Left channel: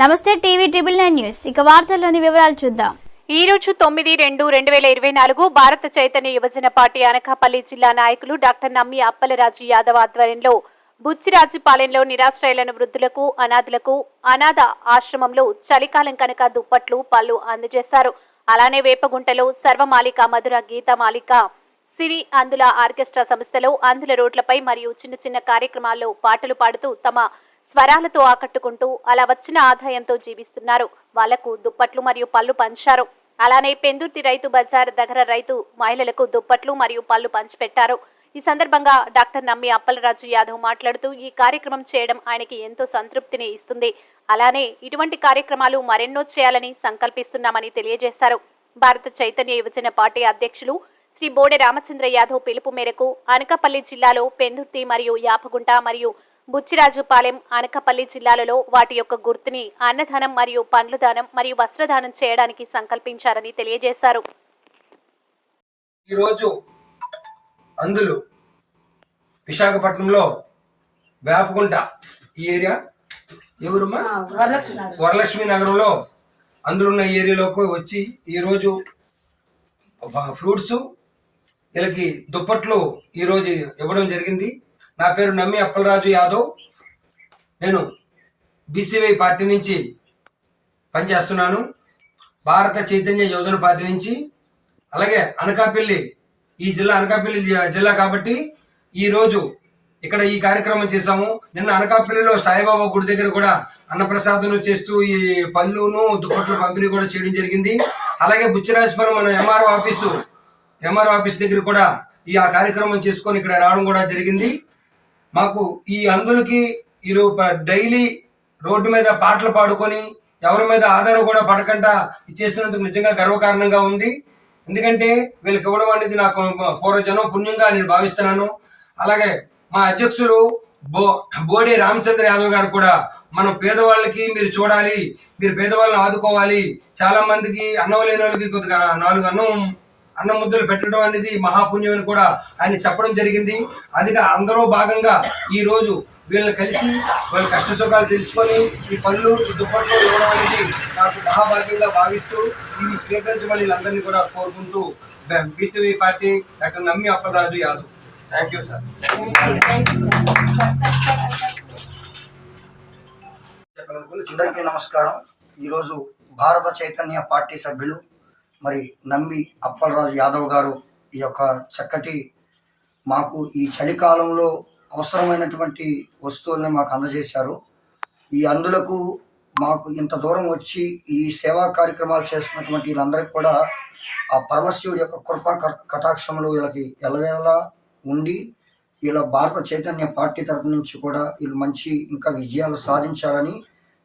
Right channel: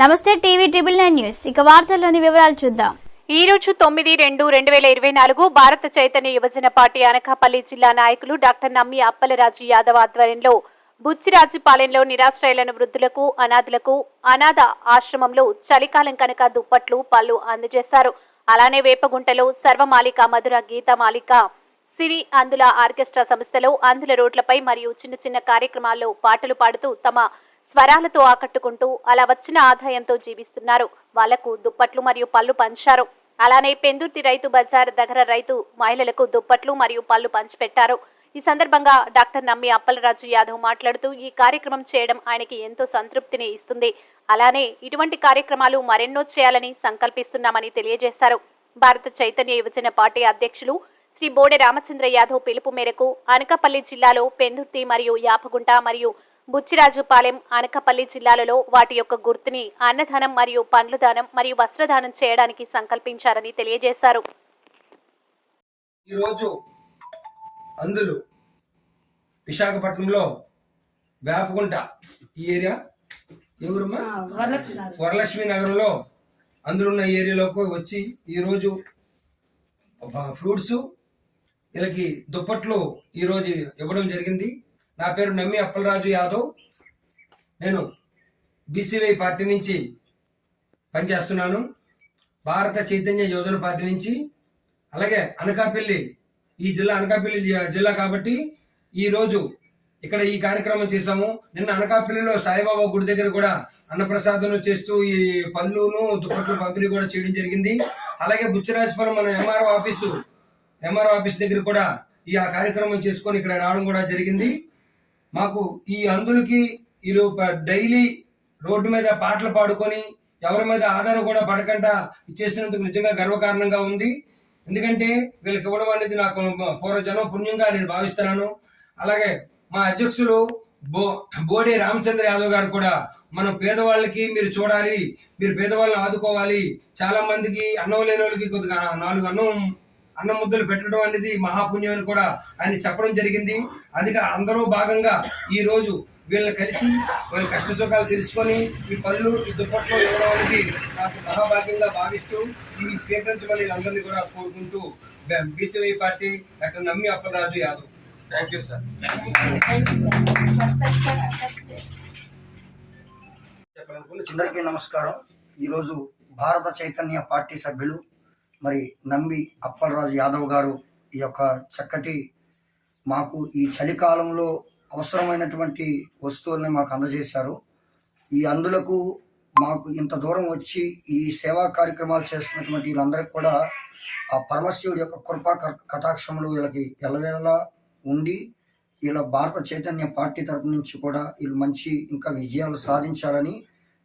నమస్తే TV triple nine news. ఇక వార్తల్లోని వివరాలు చూద్దాం. ఈ రోజు తొమ్మిది రెండు రెండు వేల ఇరవై నాలుగు భారత చైతన్య యువజన పార్టీ అనకాపల్లి జిల్లా నాయకులు డాక్టర్ నమ్మి అప్పలరాజు యాదవ్ ఆధ్వర్యంలో బుచ్చిరాజుపాలెంలో నిరాశ్రయులను వృద్ధులకు అనాథులకు అనాథ ఆశ్రమంలో చలికాలం కనుక దుప్పట్లు పళ్ళు అందజేశారు. అలానే వేపగుంటలో సర్వమాలిక మధుర గీతమాలిక సిరి అందుల ఆర్కెస్ట్రా సంస్థలో అందుల రోడ్లపై మరియు చిన్న చిన్న కార్యక్రమాల్లో పాటలు పాడుతూ తమ స్వరాలతో ఆకట్టుకుంటూ అలా వచ్చిన ఆదాయంతో జీవిస్తున్నారు. వాళ్ళకు దుప్పట్లు మరియు పళ్ళు పంచారు. అలానే పెందుర్తి రైతు బజార్ దగ్గర రైతు మహిళలకు దుప్పట్లు మరియు పళ్ళు పంచిపెట్టారు. ఈ సందర్భంగా డాక్టర్ నమ్మి అప్పలరాజు యాదవ్ మాట్లాడుతూ ఈ కార్యక్రమం చేయడం ఆయనకి ఎంతో సంతృప్తిని ఇస్తుంది. అలానే ఇటువంటి కార్యక్రమాలు మరెన్నో చేయాలని సంకల్పిస్తున్నామని తెలియజేశారు. భారత చైతన్య యువజన పార్టీ అధ్యక్షులు శ్రీ బోడె రామచంద్ర యాదవ్ పిలుపు మేరకు అనకాపల్లి జిల్లాలో పెందుర్తి మరియు యాపగుంట మరియు బుచ్చిరాజుపాలెం అనకాపల్లి జిల్లాలలో వాటి యొక్క గుర్తుని అన్నదానం మరియు పండ్ల దానం మరియు వస్త్రదానం చేయడానికి సంకల్పించారని తెలియజేశారు. ఈరోజు అందులు విశాఖపట్నంలో వేపగుంట ఈ ఏరియా? ఎవరమ్మా వరలక్ష్మి నగరంలో అందులున్న ఏరియాలోకి వచ్చి ఈరోజు ఫ్రూట్స్ వీళ్ళకి దుప్పట్లు ఈరోజు ఇవ్వడం జరిగింది. నా పేరు నమ్మి అప్పలరాజు యాదవ్. నేను బీసీవై పార్టీ నుంచి పనిచేస్తున్నాను. భారత చైతన్య యువజన పార్టీ నుంచి. అలాగే అనకాపల్లి ఈ జిల్లా అనకాపల్లి జిల్లా కాబట్టి ఈ రోజు ఇక్కడ ఈ కార్యక్రమం చేశాము. నిన్న అనకాపల్లిలో సాయిబాబా గుడి దగ్గర కూడా అన్నప్రసాదం చేస్తూ ఈ పళ్ళును దుప్పట్లు పంపిణీ కూడా చేయడం జరిగింది. అలాగే బుచ్చిరాజపురం మన ఎంఆర్ఓ ఆఫీసు ఎంఆర్ఓ ఆఫీస్ దగ్గర కూడా ఈ ఆ కార్యక్రమం చేసుకొని ఇక్కడ రావడం కూడా జరిగింది. మాకు ఈ అందులకి వీళ్ళు డైలీ రోడ్డు మీద పాటలు పాడుకొని ఎవరి మీద ఆధారం కూడా పడకుండా చేసినందుకు నిజంగా గర్వకారణంగా ఉంది. ఎందుకంటే వీళ్ళకి ఇవ్వడం అనేది నాకు పూర్వజన్మ పుణ్యంగా నేను భావిస్తున్నాను. అలాగే మా అధ్యక్షులు బో బోడే రామచంద్ర యాదవ్ గారు కూడా మనం పేదవాళ్ళకి మీరు చూడాలి మీరు పేదవాళ్ళని ఆదుకోవాలి. చాలా మందికి అన్నం లేని వాళ్ళకి కొద్దిగా నాలుగు అన్నం అన్నం ముద్దలు పెట్టడం అనేది మహాపుణ్యం అని కూడా ఆయన చెప్పడం జరిగింది. అదిగా అందరూ భాగంగా ఈ రోజు వీళ్ళని కలిసి వాళ్ళ కష్ట సుఖాలు తెలుసుకొని ఈ పళ్ళు ఈ దుప్పట్లు ఇవ్వడం అనేది నాకు మహాభాగ్యంగా భావిస్తూ ఇవి స్వీకరించమని వీళ్ళందరినీ కూడా కోరుకుంటూ BCY party doctor Nammi Appalaraju Yadav. Thank you sir అందరికీ నమస్కారం. ఈరోజు భారత చైతన్య పార్టీ సభ్యులు మరి నంబి అప్పలరాజు యాదవ్ గారు ఈ యొక్క చక్కటి మాకు ఈ చలికాలంలో అవసరమైనటువంటి వస్తువుల్ని మాకు అందజేశారు. ఈ అందులకు మాకు ఇంత దూరం వచ్చి ఈ సేవా కార్యక్రమాలు చేస్తున్నటువంటి వీళ్ళందరికీ కూడా ఆ పరమశివుడి యొక్క కృపా క- కటాక్షములు వీళ్ళకి ఎలవేళలా ఉండి వీళ్ళ భారత చైతన్య పార్టీ తరపు నుంచి కూడా వీళ్ళు మంచి ఇంకా విజయాలు సాధించాలని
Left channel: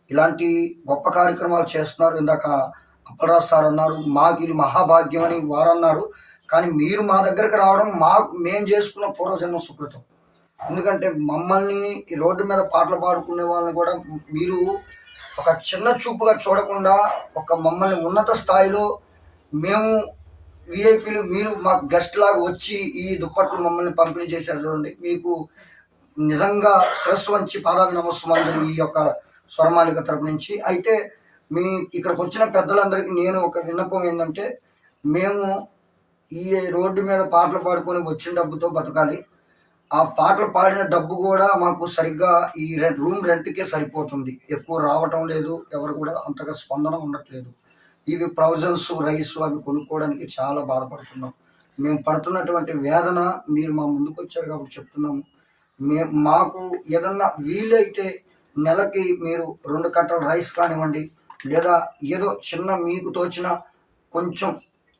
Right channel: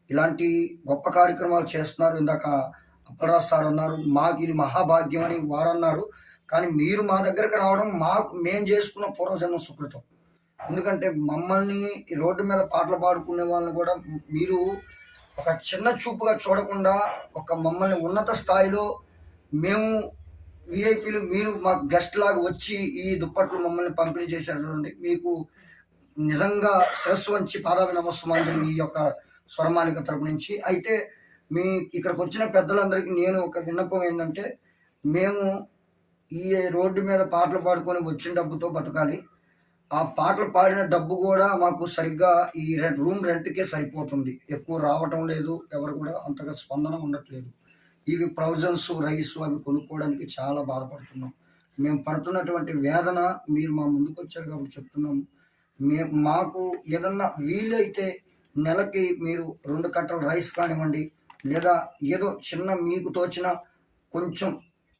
ఇలాంటి గొప్ప కార్యక్రమాలు చేస్తున్నారు. ఇందాక అప్పలరాజ్ సార్ అన్నారు మాకు ఇది మహాభాగ్యం అని వారు అన్నారు. కానీ మీరు మా దగ్గరకు రావడం మాకు మేము చేసుకున్న పూర్వజన్మ సుకృతం. ఎందుకంటే మమ్మల్ని రోడ్డు మీద పాటలు పాడుకునే వాళ్ళని కూడా మీరు ఒక చిన్న చూపుగా చూడకుండా ఒక మమ్మల్ని ఉన్నత స్థాయిలో మేము విఐపీలు మీరు మాకు గెస్ట్ లాగా వచ్చి ఈ దుప్పట్లు మమ్మల్ని పంపిణీ చేశారు చూడండి. మీకు నిజంగా శిరస్సు వంచి పాదాలు నమస్కారం ఈ యొక్క స్వరమాలిక తరపు నుంచి. అయితే మీ ఇక్కడికి వచ్చిన పెద్దలందరికీ నేను ఒక విన్నపం ఏంటంటే మేము ఈ రోడ్డు మీద పాటలు పాడుకొని వచ్చిన డబ్బుతో బతకాలి. ఆ పాటలు పాడిన డబ్బు కూడా మాకు సరిగ్గా ఈ రెడ్ రూమ్ రెంట్కే సరిపోతుంది. ఎక్కువ రావటం లేదు ఎవరు కూడా అంతగా స్పందన ఉండట్లేదు. ఇవి ప్రౌజన్స్ రైస్ అవి కొనుక్కోవడానికి చాలా బాధపడుతున్నాం. మేము పడుతున్నటువంటి వేదన మీరు మా ముందుకు వచ్చారు కాబట్టి చెప్తున్నాము. మే మాకు ఏదన్నా వీలైతే నెలకి మీరు రెండు కట్టల రైస్ కానివ్వండి లేదా ఏదో చిన్న మీకు తోచిన కొంచెం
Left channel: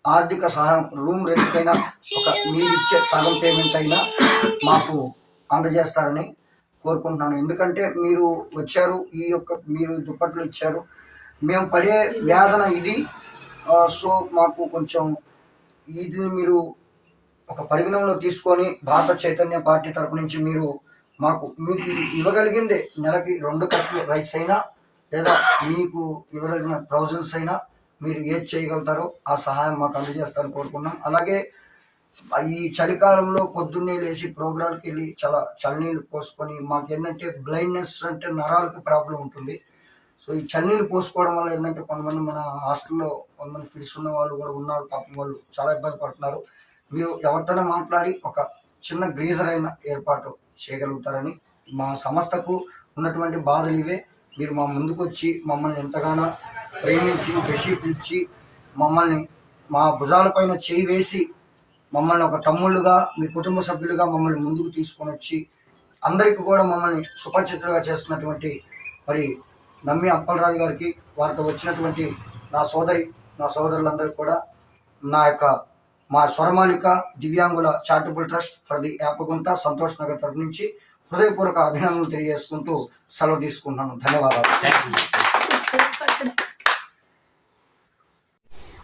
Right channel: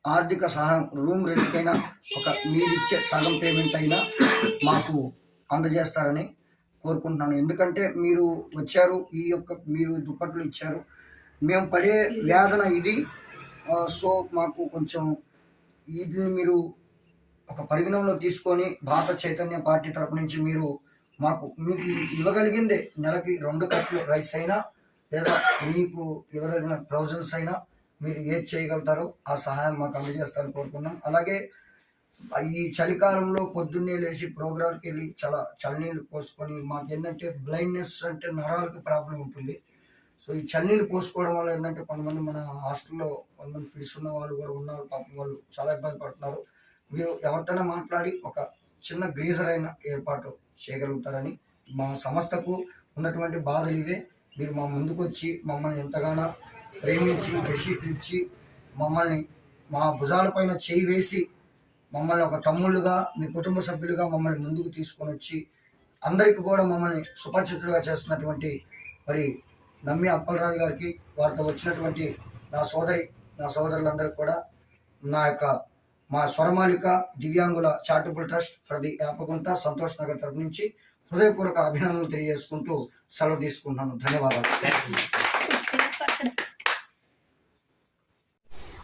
ఆర్థిక సహాయం రూమ్ రెంట్కైనా ఒక మీరు ఇచ్చే సగం పేమెంట్ అయినా మాకు అందజేస్తారని కోరుకుంటున్నాను. ఎందుకంటే మీరు వచ్చారు ఈ యొక్క మీరు దుప్పట్లు ఇచ్చారు. మేము పడే వేదన ఇది. సో మాకు కొంచెం వీటిని మీరు ఒక పరిగణంలో తీసుకొని భారత చైతన్య పార్టీ తరపు నుంచి మీరు మాకు మీకు ఇవ్వగలిగిందే నెలకి రెండు కప్పులు రైస్ అయినా లేదా మీకు ఇవ్వదగిన ప్రొవిజన్స్ అయినా మీరు ఏది చేయగలుగుతారో ఆ సహాయం మాకు అందజేస్తారని కోరుకున్నాం అలాగే ఈ చలికాలంలో పొద్దున్నే లేచి ప్రోగ్రాంకి వెళ్ళి చాలా చలినీళ్ళు పోసుకొని మాకు ఏంటంటే బ్లైండ్నెస్ అంటే నరాలకి ప్రాబ్లం ఉంటుంది. సో ఈ చలినీళ్ళు పోసుకోవడం వల్ల ఏంటంటే కొంతమంది మన హాస్టల్లో కొంతమంది ఫిడ్స్ ఉన్న వాళ్ళు కూడా ఉన్నారు పాపం వాళ్ళు చాలా ఇబ్బంది పడుతున్నారు. మీరు ఎవరితోనే మాట్లాడి ఒక చిన్న గ్రీజర్ అయిన ఏర్పాటు చేయగలుగుతారని మా సంస్థకు ఉన్నటువంటి బాధలు ఇవే. మీరు మా ముందుకు వచ్చి మమ్మల్ని ఎంతగానో ప్రేమించి బెడ్షీట్లు ఇచ్చి మమ్మల్ని మా భుజాలపైన చేయి వేసి మమ్మల్ని ఒక తమ్ముళ్ళుగా మీ కుటుంబ సభ్యులుగా మమ్మల్ని ముందుకు తీసుకొని వచ్చి అందరికీ కూడా మమ్మల్ని సుపరిచితులుగా చేస్తున్నటువంటి మరి నమ్మి అప్పలరాజు గారికి వారితో వచ్చినటువంటి నా సోదరి నా సోదరులందరికీ కూడా నా యొక్క మా స్వరమాలిక దివ్యాంగుల charitable trust for the Yapagunta Santosh Nagar తరపు నుంచి హృదయపూర్వక అభినందనలు తెలియజేసుకుంటూ సెలవు తీసుకుంటున్నాను. ధన్యవాదాలు.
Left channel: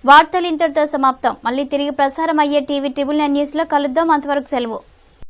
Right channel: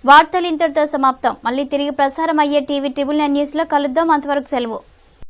వార్తలు ఇంతటితో సమాప్తం. మళ్ళీ తిరిగి ప్రసారం అయ్యే టీవీ ట్రిబుల్ నైన్ న్యూస్లో కలుద్దాం. అంతవరకు సెలవు.